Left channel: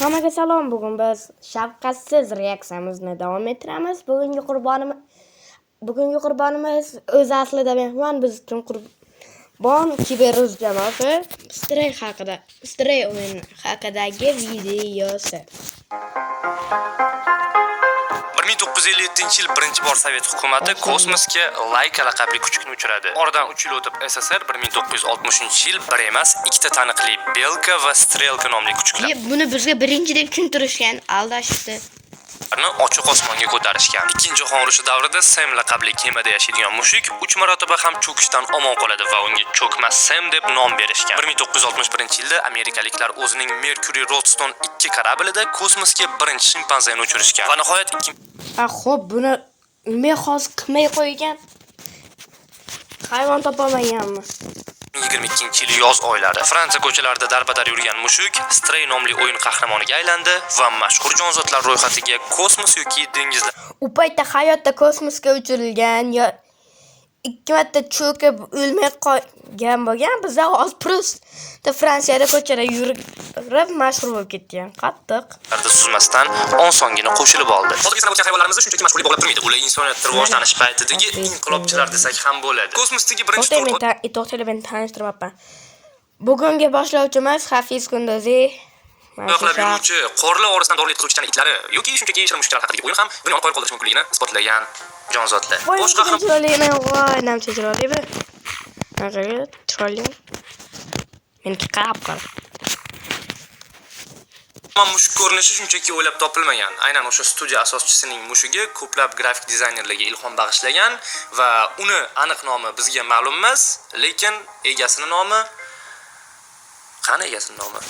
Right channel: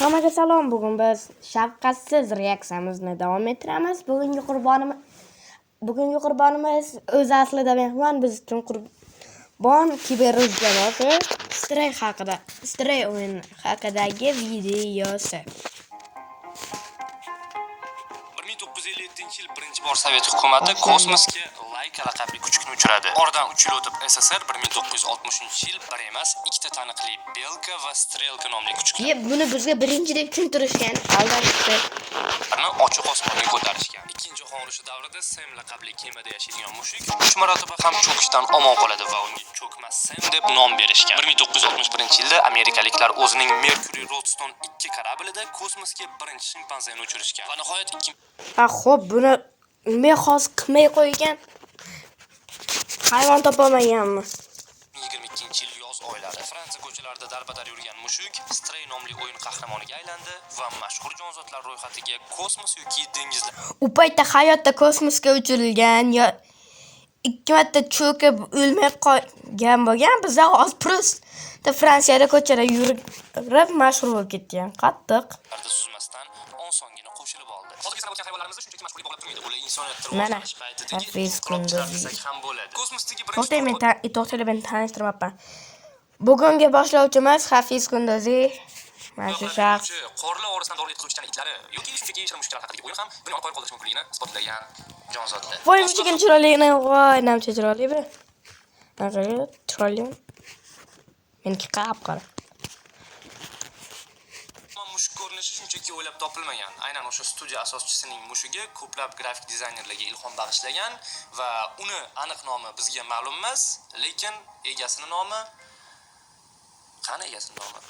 Hammaga salom. Bugun biz shafqatsiz reaksiyamizni davom ettiramiz. Bugungi qurbonimiz o'zi aslida mehmon, biz uchun qurbon kiberuz jamoasi Stray o'yini haqidagi videosi. 1957-yil birinchi bor Sovet hukumati kosmosga Laika laqabli kuchukni uchiradi. Oradan 3 yil o'tib SSR 1960-yil bir emas, ikkita taniqli Belka va Strelka nomli kuchuklar. Buni bizga birinchi deb tushuntirishgan, aldashdi. Ochiq osmonga ko'tarishgan. Ikkinchi jahon urushi davrida Sam laqabli kemada yashaydigan mushuk 3 marotaba ham cho'kishdan omon qoladi va unga cho'kmas Sam deb nom berishgan. 1961-yilda amerikaliklar o'zining Mercury Roadstone 2 kораблida kosmosga birinchi shimpanzeni uchirishgan. Va nihoyat Xo'p, buni men hozir qilmay qo'ygan. Hayvon topolmaganmiz. 22-yil yoz oylari Fransiya ko'chalarida darbadar yurgan mushuk Stray nomli o'yin qahramoniga aylandi va mashhur jonzotlar ro'yxatiga kosmos yoki dengizlar. U paytda hayotda kosmosga uchirilgan yo ikki marta cho'kib o'lmay qolgan bo'lgan. Biz hozir просто Fransiyada ko'chada yurib mashhur bo'lib ketgan. Qattiq. Suzmasdan osongina qo'shilib oldi. Hozirgi sanab o'tgan hayvonlarimiz shunchaki mashhurlik bog'lab turmaydi. Ular insoniyat rivojlanish paytidagi inqilobchilar desak ham bo'ladi. Kosmosdagi birinchi to'xtayman tanishtirmoqman. Bugungi boshlovchimiz Hafiz Kunduzi. Qorlar orasidan dori yetkazuvchi itlari yoki shunchaki shirin mushuklar haqidagi o'yin ham dunyoni qoyil qoldirish mumkinligini isbotlagan jonzotlar. Boshqa ham chiroyligini, voy, namcha chiroyli bu. Naqaga chiroyli. Meniki qarab qara. Mushuk ko'rinishi shunchaki o'ylab topilmagan. Aynan o'sha studiya asoschisining mushugi ko'plab grafik dizaynerlarga ilhom bag'ishlagan va uni aniq nomi bizga ma'lum emas, lekin egasining nomi qani egasining nomi?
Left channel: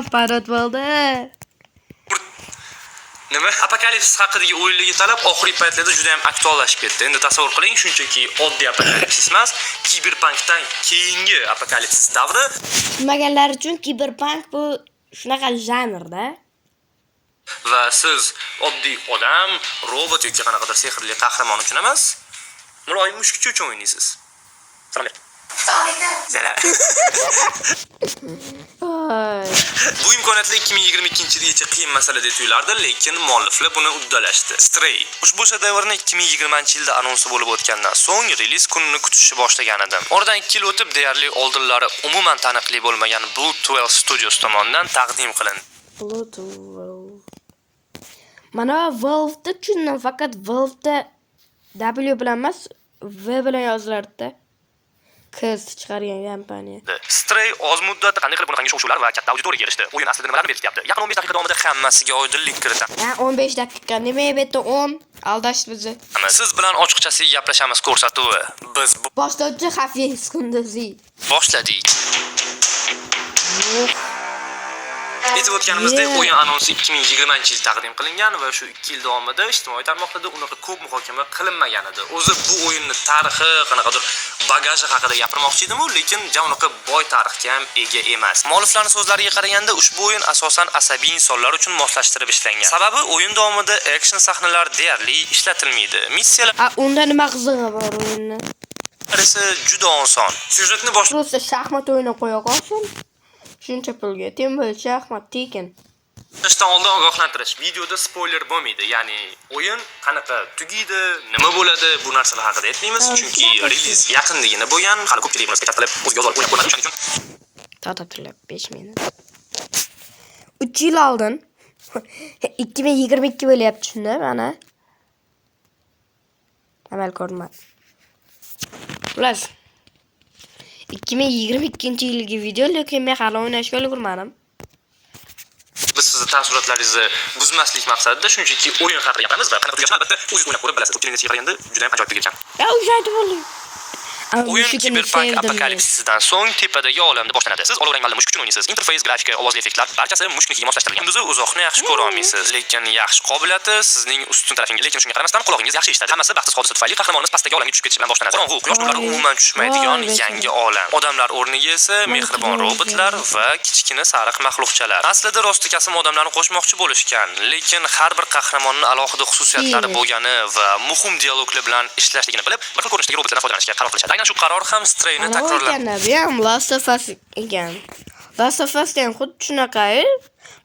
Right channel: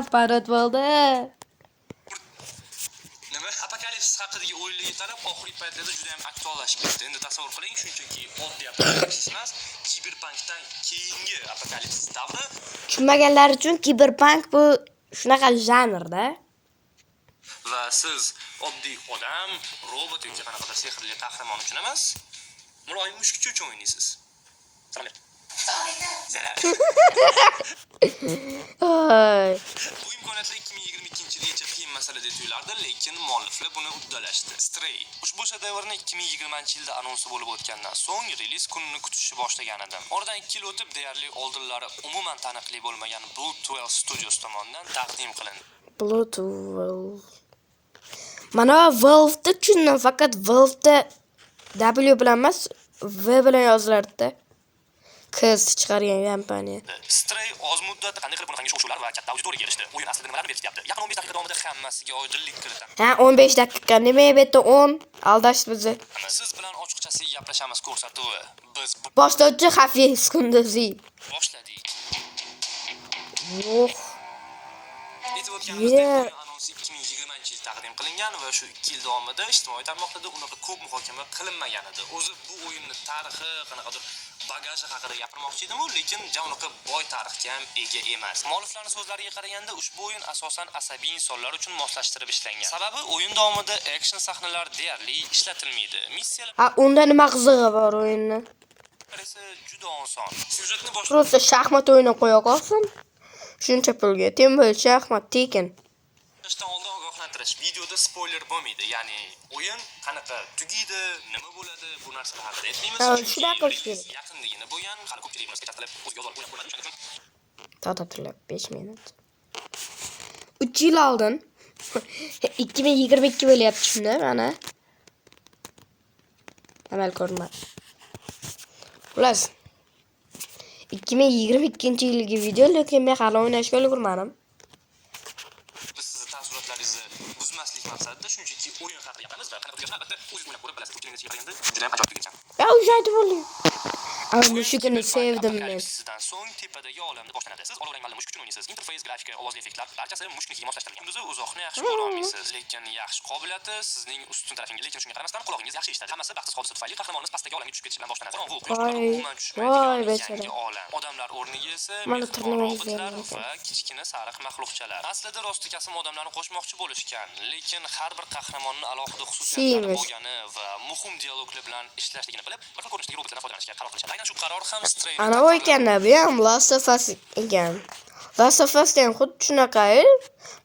Aparat bo'ldi. Nima? Apokalipsis haqidagi o'yinligi talab oxirgi paytlarda juda ham aktuallashib ketdi. Endi tasavvur qiling, shunchaki oddiy apokalipsis emas, kiberpunkdan keyingi apokalipsis davri. Tushunmaganlar uchun kiberpunk bu shunaqa janrda. Va siz oddiy odam, robot yoki qanaqadir sehrli qahramon uchun emas, muloyim mushukcha uchun o'ynaysiz. Salom. Bu imkoniyatli 2022-yilgacha qiyin masala deb tuyulardi, lekin mualliflar buni uddalashdi. Stray ushbu shedevrni 2020-yilda anonsi bo'lib o'tgandan so'ng reliz kunini kutishni boshlagan edi. Oradan 2 yil o'tib deyarli oldinlari umuman taniqli bo'lmagan Blue 12 Studios tomonidan taqdim qilindi. Blue 12. Mana Valve'da tushundim, faqat Valve'da W bilan emas, V bilan yozilardi. Qiz chiqargan kompaniya. Stray oz muddatda qanday qilib bunaqangi shov-shuvlar va katta auditoriyaga erishdi? O'yin aslida nimalarni berkityapti? Yaqin 15 daqiqa davomida hammasiga oydinlik kiritamiz. 15 daqiqa nima edi 10? Aldashdi bizni. Siz bilan ochiqchasiga gaplashamiz ko'rsatuvi. Biz boshlovchi Hafiz Kunduzi. Boshladik. Aytib o'tganimizdek, o'yin anonsi 2020-yil taqdim qilingan va shu 2 yil davomida ijtimoiy tarmoqlarda unaqa ko'p muhokama qilinmagan edi. O'zi bu o'yinning tarixi, qanaqadir bagaji haqida gapirmoqchi edim, lekin unaqa boy tarixga ham ega emas. Mualliflarning so'zlariga qaraganda, ushbu o'yin asosan asabiy insonlar uchun moslashtirib ishlangan. Sababi o'yin davomida action sahnalar deyarli ishlatilmaydi. Missiyalar unda nima qizig'i bor o'yinni? esa juda oson. Syujetni boshqa shaxmat o'yini qo'ya qolsin. Shuncha pulga temir shaxmat tekin. Ishdan oldin ogohlantirish. Videoda spoiler bo'lmaydi. Ya'ni o'yin qanaqa tugaydi, nima bo'ladi, bu narsalar haqida aytmaymiz, chunki reliz yaqinligini bo'lgan, hali ko'pchilik buni spektaklab o'ziga o'zlari o'ylab ko'rmadi uchun. To'xtatilib 5 minut. 3 yil oldin 2022 bo'lyapti shunda, mana. Amal ko'rmadi. Xullas 2022-yilgi video, lekin men hali o'ynashga ulgurmadim. Biz sizni taassurotlaringizni buzmaslik maqsadida shunchaki o'yin haqida gapiramiz va qanaqa tugashini albatta o'zingiz o'ylab ko'rib bilasiz. O'tgan yilga qaraganda juda ham ajoyib tugagan. O'sha aytib bo'ldim. O'yin kiberpunk apokalipsisidan so'ng tepadagi olamda boshlanadi. Siz olovrang malla mushuk uchun o'ynaysiz. Interfays, grafika, ovozli effektlar barchasi mushuknikiga moslashtirilgan. Kunduzi uzoqni yaxshi ko'ra olmaysiz, lekin yaxshi qobiliyati sizning ustun tarafingiz. Lekin shunga qaramasdan qulog'ingiz yaxshi eshitadi. Hammasi baxtsiz hodisa tufayli qahramonimiz pastdagi olamga tushib ketishi bilan boshlanadi. Qorong'u, quyosh nurlari umuman tushmaydigan yangi olam. Odamlar o'rniga esa mehribon robotlar va kichkina sariq maxluqchalar. Aslida rostikasim odamlarni qo'shmoqchi bo'lishgan, lekin har bir qahramonning alohida xususiyatlari bo'lgani va muhim dialoglar bilan ishlanishligini bilib, bir xil ko'rinishdagi robotlardan foydalanishga qaror qilishadi. Aynan shu qaror ham Strayni takrorladi. Bu ham Last of Us ekan. Last of Us ham xuddi shunaqa.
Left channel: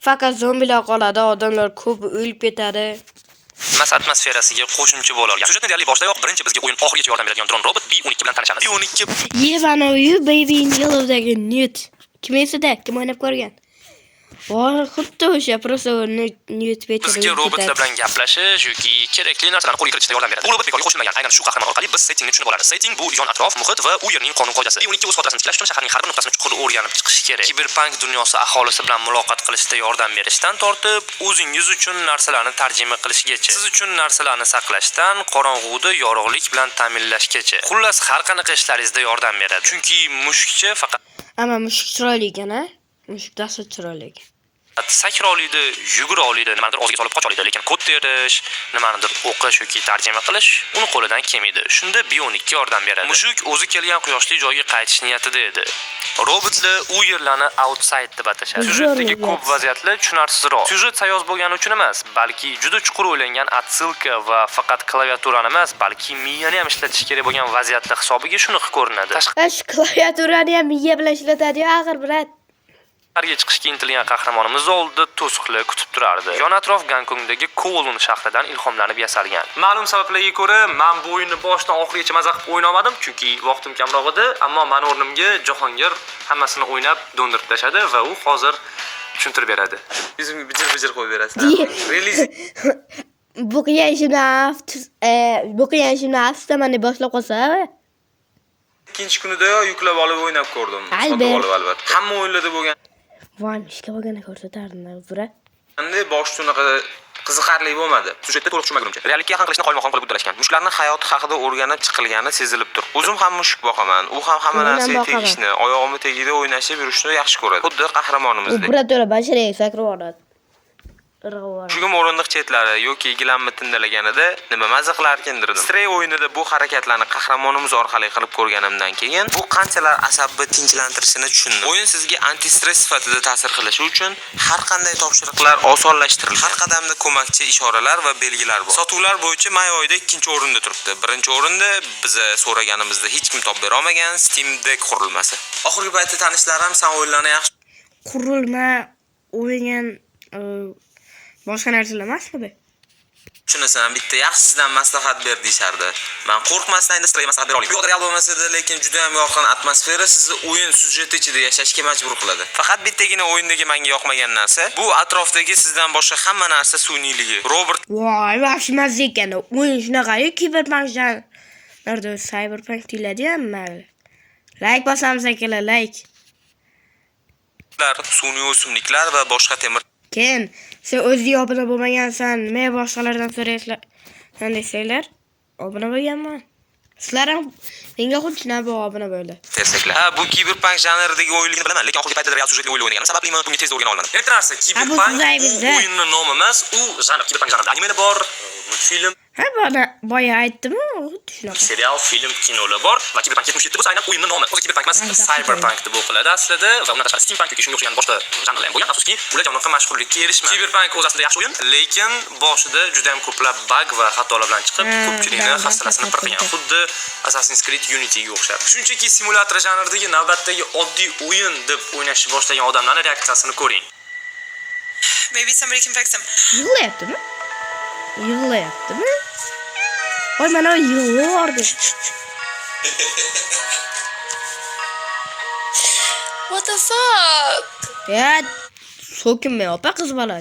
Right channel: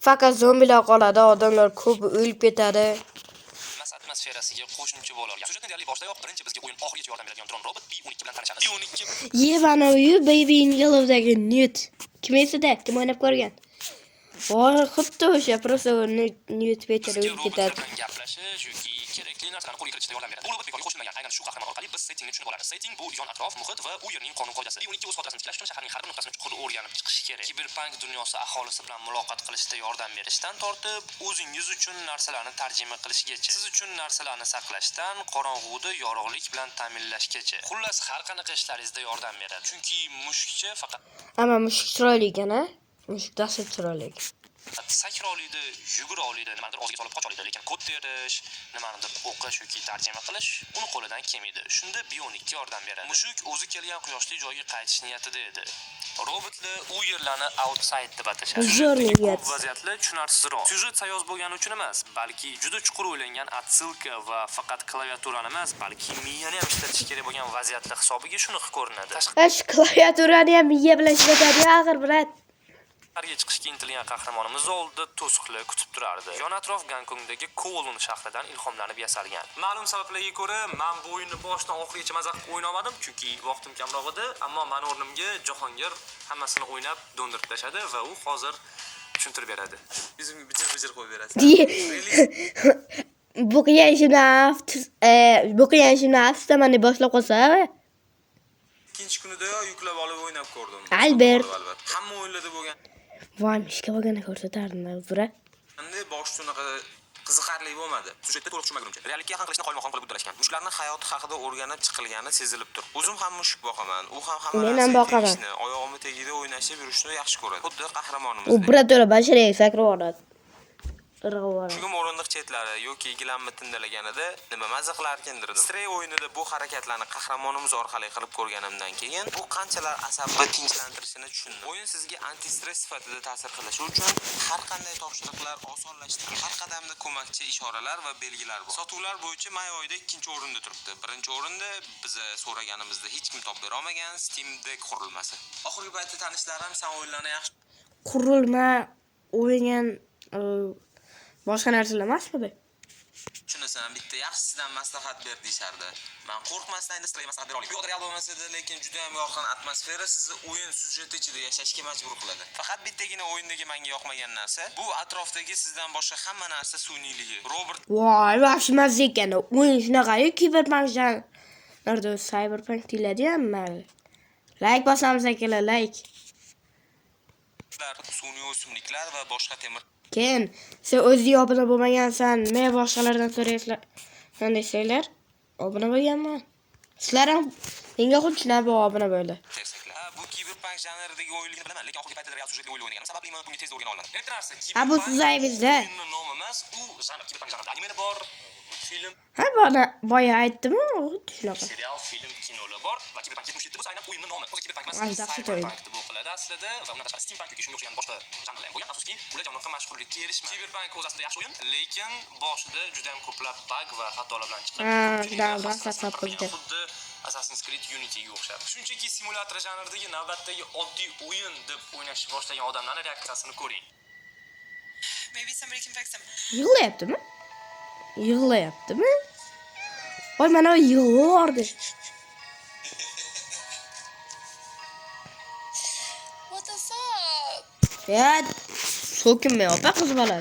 Faqat zombilar qoladi, odamlar ko'p o'lib ketadi. Mas atmosferasiga qo'shimcha bo'la olgan. Syujetni deyarli boshidayoq birinchi bizga o'yin oxirigacha yordam beradigan dron robot B12 bilan tanishamiz. B12 Yevanoyu Baby in Yellow'dagi Newt. Kim esida? Kim o'ynab ko'rgan? Voy, xuddi o'sha просто Newt Peter. bizga robotlar bilan gaplashish yoki kerakli narsalarni qo'lga kiritishda yordam beradi. Bu robot bekorga qo'shilmagan. Aynan shu qahramon orqali biz settingni tushunib olamiz. Setting bu yon atrof, muhit va u yerning qonun qoidasi. B12 o'z xotirasini tiklash uchun shaharning har bir nuqtasini chuqur o'rganib chiqish kerak. Kiberpunk dunyosi aholisi bilan muloqot qilishda yordam berishdan tortib, o'zingiz uchun narsalarni tarjima qilishgacha, siz uchun narsalarni saqlashdan qorong'uda yorug'lik bilan ta'minlashgacha. Xullas, har qanaqa ishlaringizda yordam beradi. Chunki mushukcha faqat Ammo mushuk chiroyli ekan-a? Mushuk dastur chiroyli. sakra oladi, yugura oladi, nimanidir o'ziga solib qocha oladi, lekin kod terish, nimanidir o'qish yoki tarjima qilish uni qo'lidan kelmaydi. Shunda B12 yordam beradi. Mushuk o'zi kelgan quyoshli joyga qaytish niyatida edi. Robotlar u yerlarni outside deb atashadi. Syujetdagi ko'p vaziyatlar tushunarsizroq. Syujet sayoz bo'lgani uchun emas, balki juda chuqur o'ylangan otsilka va faqat klaviaturani emas, balki miyani ham ishlatish kerak bo'lgan vaziyatlar hisobiga shunaqa ko'rinadi. Klaviaturani ham miya bilan ishlatadi, axir brat. Tashqariga chiqishga intilgan qahramonimiz oldida to'siqlar kutib turardi. Yon atrof Gonkongdagi Kowloon shahridan ilhomlanib yasalgan. Ma'lum sabablarga ko'ra, men bu o'yinni boshidan oxirigacha maza qilib o'ynay olmadim, chunki vaqtim kamroq edi, ammo men o'rnimga Jahongir hammasini o'ynab do'ndirib tashadi va u hozir tushuntirib beradi. Yuzimga bijir qo'yib berasiz. Bu qiyin mana boshlab qolsa. Ikkinchi kunida yuklab olib o'ynab ko'rdim. Albatta. Hamma o'yinlarda bo'lgan. Voy, ishga bo'lganda ko'rsatardim, bura. Endi boshida unaqa qiziqarli bo'lmadi. Syujetda to'liq tushunmagunimcha. Reallikka yaqin qilishni qoyilmaqom qilib uddalashgan. Mushuklarning hayoti haqida o'rganib chiqilgani sezilib tur. O'zim ham mushuk boqaman. U ham hamma narsaga tegishni, oyog'imni tagida o'ynashib yurishni yaxshi ko'radi. Xuddi qahramonimizdek. U birato'la bashariy sakrab oladi. Shugim o'rindiq chetlari yoki gilamni tindalaganida nima maza qilarkindirdim. Stray o'yinida bu harakatlarni qahramonimiz orqali qilib ko'rganimdan keyin bu qanchalar asabni tinchlantirishini tushundim. O'yin sizga anti-stress sifatida ta'sir qilishi uchun har qanday topshiriqlar osonlashtirilgan. Har qadamda ko'makchi ishoralar va belgilar bor. Sotuvlar bo'yicha may oyida 2-o'rinda turibdi. 1-o'rinda biz so'raganimizda hech kim topib bera olmagan Steam Deck qurilmasi. Oxirgi paytda tanishlarim san o'yinlarni yaxshi qurilma o'ynagan boshqa narsalar emasmi? Shunisidan bitta yaxshisidan maslahat ber deyishardi. Men qo'rqmasdan endi Stray maslahat bera olaman. Bu real bo'lmasa-da, lekin juda ham yorqin atmosfera sizni o'yin syujeti ichida yashashga majbur qiladi. Faqat bittagina o'yindagi menga yoqmagan narsa, bu atrofdagi sizdan boshqa hamma narsa suniyligi. Robert Voy, yaxshi mazza ekan. O'yin shunaqa-yu, Cyberpunkdan. Narda Cyberpunk deyiladi-ya, mayli. Like bosamiz akalar, like. Suniy o'simliklar va boshqa temir Ken, sen o'zing obuna bo'lmagansan, men boshqalardan so'raysizlar. Desanglar, obuna bo'lganman. Sizlar ham menga xuddi shunaqa obuna bo'ldi. tersaklar. Ha, bu Cyberpunk janridagi o'yinligini bilaman, lekin oxirgi paytda real syujetli o'yin o'ynaganim sababli men bunga tezda o'rgana olmadim. Ertarasi Cyberpunk o'yinning nomi emas, u janr Cyberpunk janrida animalar bor, multfilm, Ha, boya aytdim-ku, xuddi shunaqa. serial, film, kinolar bor va Cyberpunk 77 bo'lsa aynan o'yinning nomi. O'zi Cyberpunk emas, Cyberpunk deb o'qiladi aslida va undan tashqari Steampunk yoki shunga o'xshagan boshqa janrlar ham bo'lgan. Afsuski, ular janoqqa mashhurlikka erishmadi. Cyberpunk o'zi aslida yaxshi o'yin, lekin boshida juda ham ko'plab bug va xatolar bilan chiqib, ko'pchilikni hafsalasini qirqgan. Xuddi Assassin's Creed Unity'ga o'xshab. Shunchaki simulyator janridagi navbatdagi oddiy o'yin deb o'ynashni boshlagan odamlarning reaksiyasini ko'ring. Maybe somebody can fix him. Yig'layaptimi? Yig'layaptimi? Voy, mana u yig'lardi. What the fuck? Ya, so'kinmay opa qiz bola.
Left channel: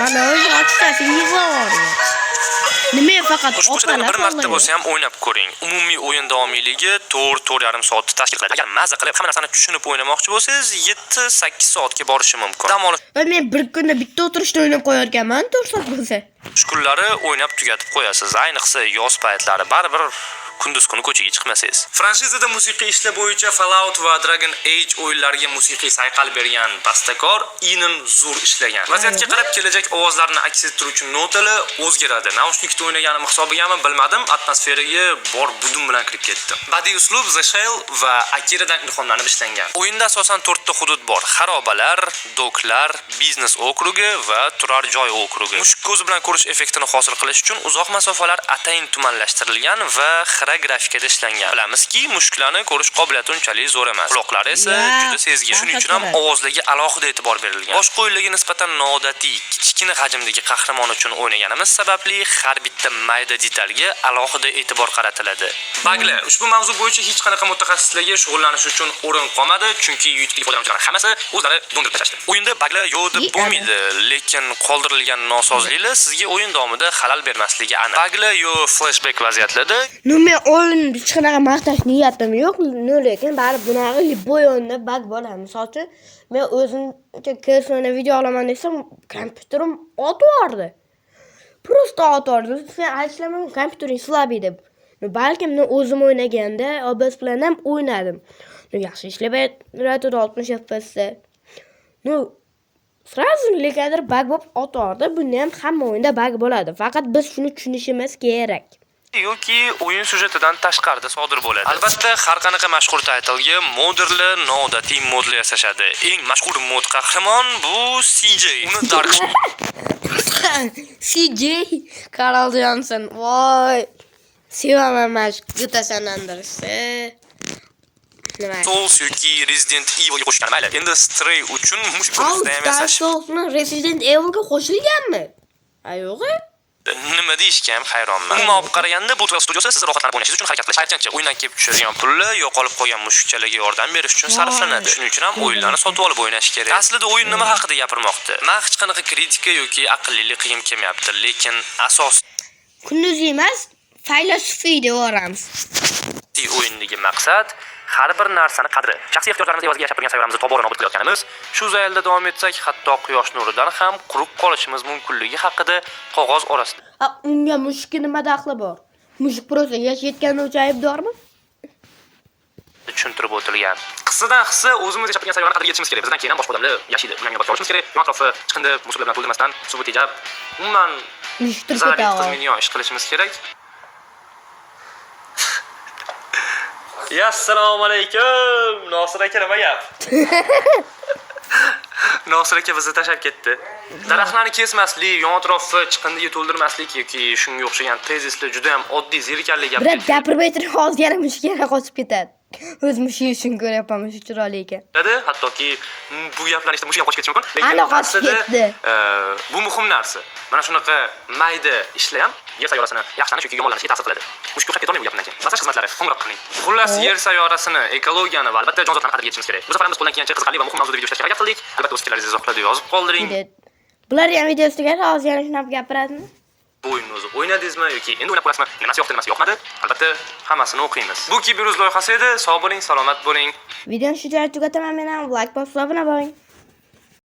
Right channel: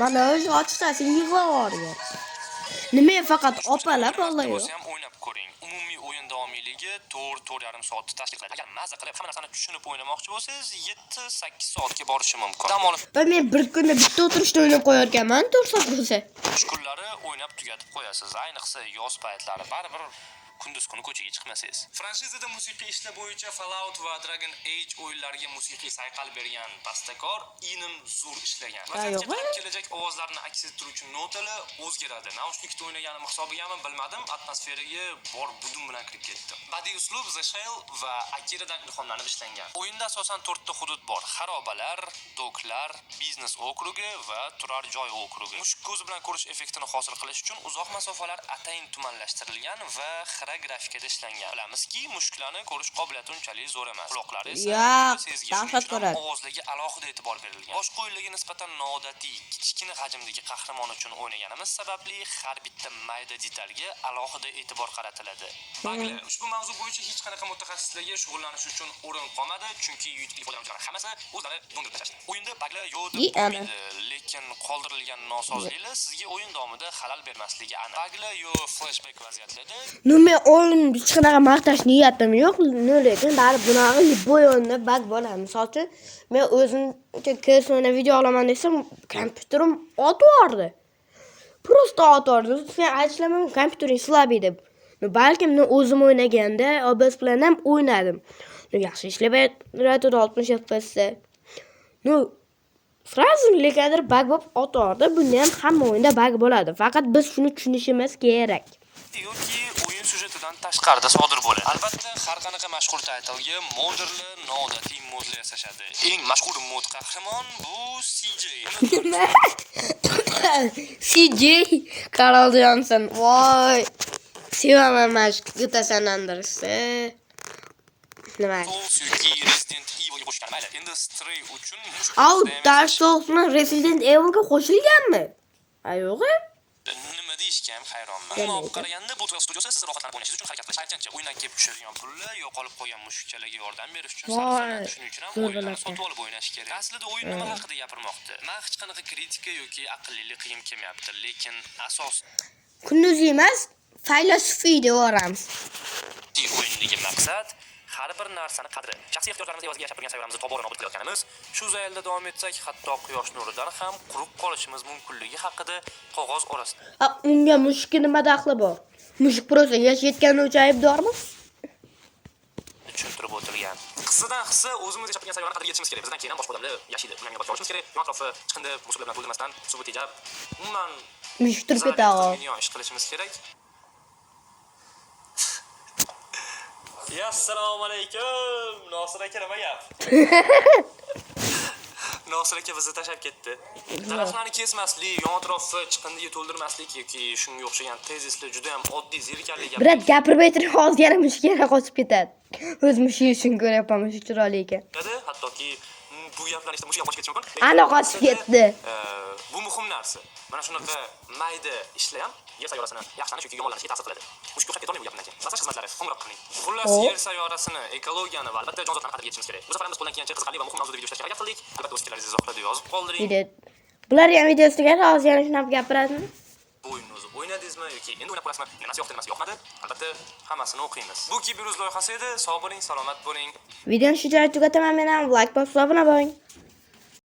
Mana o'zi ochsa yig'lardi. Nima faqat opalar bir marta bo'lsa ham o'ynab ko'ring. Umumiy o'yin davomiyligi 4-4,5 soatni tashkil qiladi. Agar maza qilib hamma narsani tushunib o'ynamoqchi bo'lsangiz, 7-8 soatga borishi mumkin. Dam olib men bir kunda bitta o'tirishda o'ynab qo'yarkanman, 4 soat bo'lsa. kunlari o'ynab tugatib qo'yasiz. Ayniqsa yoz paytlari baribir kunduz kuni ko'chaga chiqmasangiz. Franshizada musiqiy ishlar bo'yicha Fallout va Dragon Age o'yinlariga musiqiy sayqal bergan bastakor Inon zo'r ishlagan. Vaziyatga qarab kelajak ovozlarni aks ettiruvchi notalar o'zgaradi. Naushnikda o'ynaganim hisobigami bilmadim, atmosferaga bor budum bilan kirib ketdim. Badiiy uslub The Shell va Akiradan ilhomlanib ishlangan. O'yinda asosan 4 ta hudud bor: xarobalar, doklar, biznes okrugi va turar joy okrugi. Mushuk ko'zi bilan ko'rish effektini hosil qilish uchun uzoq masofalar atayin tumanlashtirilgan va xira grafikada ishlangan. Bilamizki, mushuklarni ko'rish qobiliyati unchalik zo'r emas. Quloqlari esa juda sezgir. Shuning uchun ham ovozlarga alohida e'tibor berilgan. Boshqa o'yinlarga nisbatan noodatiy, kichkina hajmdagi qahramon uchun o'ynaganimiz sababli har bitta mayda detalga alohida e'tibor qaratiladi. Baglar, ushbu mavzu bo'yicha hech qanaqa mutaxassislarga shug'ullanish uchun o'rin qolmadi, chunki YouTube foydalanuvchilari hammasi o'zlari dondirib tashlashdi. O'yinda baglar yo'q deb bo'lmaydi, lekin qoldirilgan nosozliklar sizga o'yin davomida xalal bermasligi aniq. Baglar yo'q flashback vaziyatlarda Men o'yin hech qanaqa maqtash niyatim yo'q, lekin baribir bunaqa любой o'yinda bug bo'ladi. Misol uchun, men o'zimcha kesmani video olaman desam, kompyuterim o'tvordi. Просто o'tvordi. Sen aytishlamam, kompyutering slabый deb. Balkim men o'zim o'ynaganda OBS bilan ham o'ynadim. Yaxshi ishlab turadi 60 FPS. Sразу lekin bug bo'lib o'tvordi. Bunda ham hamma o'yinda bug bo'ladi. Faqat biz shuni tushunishimiz kerak. yoki o'yin sujetidan tashqarida sodir bo'ladi. Albatta, har qanaqa mashhur taytlga modderlar noodatiy modlar yasashadi. Eng mashhur mod qahramon bu CJ. Uni Dark CJ Carl Johnson. Voy. Sevaman mashq GTA San Andreas'da. Souls yoki Resident Evilga qo'shgan. Mayli, endi Stray uchun mushuk Dark Souls'ni Resident Evilga qo'shilganmi? Yo'q-ku. Nima deyishga ham hayronman. Umuman olib qaraganda bu 12 studiyasi siz rohatlanib o'ynashingiz uchun harakat qilish. Aytgancha, o'yindan kelib tushadigan pullar yo'qolib qolgan mushukchalarga yordam berish uchun sarflanadi. Shuning uchun ham o'yinlarni sotib olib o'ynash kerak. Aslida o'yin nima haqida gapirmoqda? Men hech qanaqa kritika yoki aqllilik qilgim kelmayapti, lekin asos Kunduz emas, filosofiy devoramiz. O'yindagi maqsad har bir narsani qadri, shaxsiy ehtiyojlarimiz evaziga yashab turgan sayyoramizni tobora nobud qilayotganimiz, shu zaylda davom etsak, hatto quyosh nuridan ham quruq qolishimiz mumkinligi haqida qog'oz orasida. Unga mushukning nima daxli bor? Mushuk prosa yashayotgani uchun aybdormi? Tushuntirib o'tilgan. Qissadan hissa o'zimiz yashab turgan sayyorani qadriga yetishimiz kerak. Bizdan keyin ham boshqa odamlar yashaydi. Ularga boshqa olishimiz kerak. Yon atrofi chiqindi, musullar bilan to'ldirmasdan, suv tejab, umuman ish qilishimiz kerak. Assalomu alaykum. Nosir aka nima gap? Nosir aka bizni tashlab ketdi. Daraxtlarni kesmaslik, yon atrofni chiqindiga to'ldirmaslik yoki shunga o'xshagan tezislar juda ham oddiy zerikarli gap. Biroq gapirib aytib hozir yana mushukga qochib ketadi. O'z mushugi uchun ko'ryapman, mushuk chiroyli ekan. Hattoki bu gaplarni eshitib mushuk ham qochib ketishi mumkin. Ana qochib ketdi. Bu muhim narsa. Mana shunaqa mayda ishlar ham yer sayyorasini yaxshilanish yoki yomonlanishga ta'sir qiladi. Mushuk qochib ketolmaydi bu gapdan keyin. Massaj xizmatlari qo'ng'iroq qiling. Xullas, yer sayyorasini, ekologiyani va albatta jonzotlarni qadriga yetishimiz kerak. Bu safar biz qo'ldan kelgancha qiziqarli va muhim mavzuda video ishlashga harakat qildik. Albatta o'z fikrlaringizni izohlarda yozib qoldiring. Bular ham video ustiga hozir yana shunaqa gapiradimi? Bu o'yinni o'zi o'ynadingizmi yoki endi o'ynab ko'rasizmi? Nimasi yoqdi, nimasi yoqmadi? Albatta, hammasini o'qiymiz. Bu Kiberuz loyihasi edi. Sog' bo'ling, salomat bo'ling. Videoni shu joyda tugataman men ham. Like bosib, obuna bo'ling.